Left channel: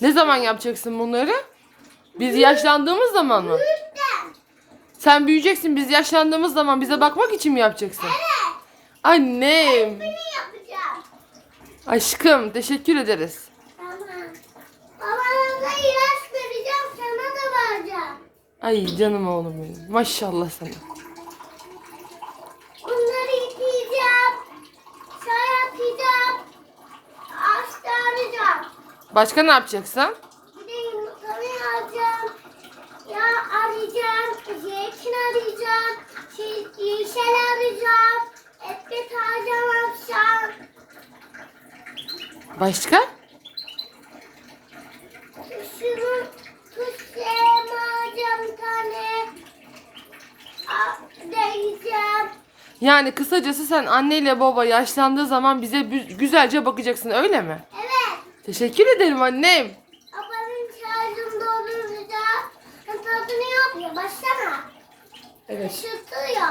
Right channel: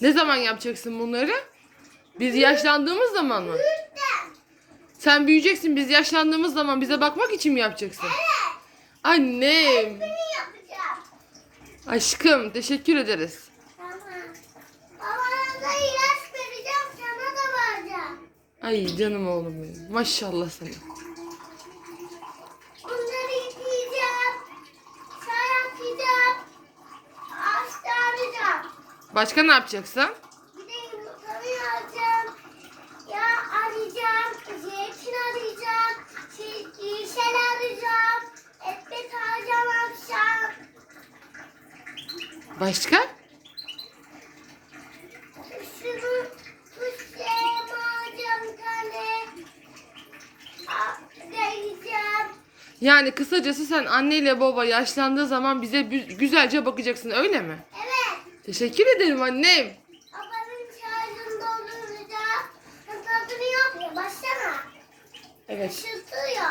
Ne zaman yapacaksın bunları? Biz yaşlandığımız zaman mı? Sen büyüyeceksin biz yaşlandığımız zaman bize bakmak için mi yapacaksın? Evet. Annem. Yapacağım. Aşkım teşekkür ederiz. Tamam. Babana ilaç vereceğim, sana da vereceğim. Ay canım oğlum benim. Maşallah sana. Başka ne yapacaksın? Bir de yumurtanı alacağım. Ya arayacağım. Zeytin arayacağım. Yeşil arayacağım. Ekmek alacağım akşam. Başka? Şunun tuş şeyimi alacağım bir tane. Deneyeceğim. Yani kısacası sen anneyle baba yaşlandığı zaman bize güzelce bakacaksın öyle mi? Evet. Teşekkür ederim annem. Babanın şarjını dolduracağım. Tadını yapıyor. Başlama. Evet. Işıltıyor.